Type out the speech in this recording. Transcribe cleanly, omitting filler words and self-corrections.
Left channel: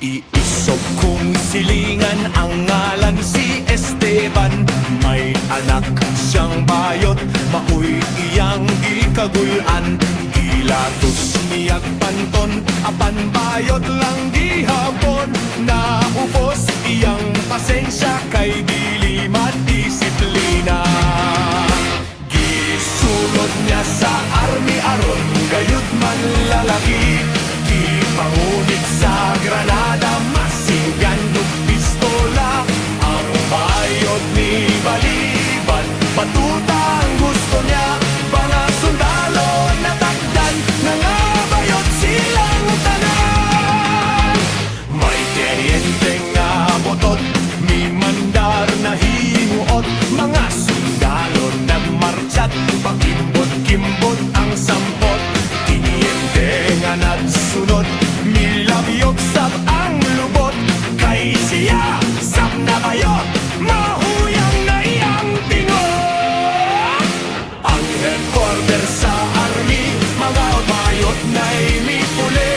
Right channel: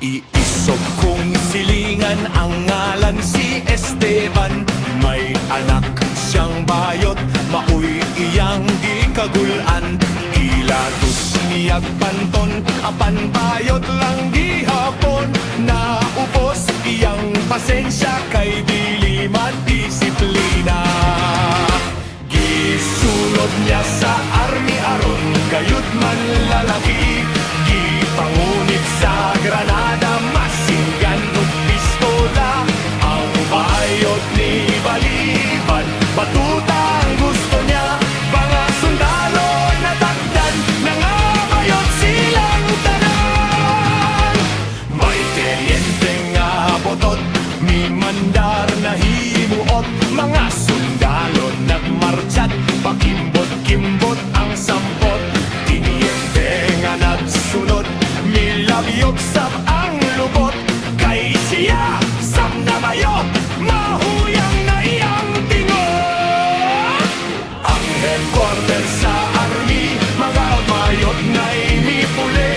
Iisog kong silingan, ang ngalan si Esteban. May anak siyang bayot, maoy iyang gikagulan. Gilatos niyag panton, apan bayot lang gihapon. Naupos iyang pasensya, kay dili madisiplina. Gisulod niya sa army aron gayud man lalaki. Gipangunit sa granada, masinggan ug pistola. Ang bayot ni Baliban, batuta ang gusto niya. Mga sundalo natakdan, nangabayot silang tanan. May teryente nga botot, mi mandar na himuot. Mga sundalo nagmarchat, pakimbot-kimbot ang sampot. Tiniente nga nagsunod, milabyog sab ang lubot. Kay siya sab na bayot, mahuyang na iyang tingot. Ang headquarter sa army, magaot bayot na'y mi puli.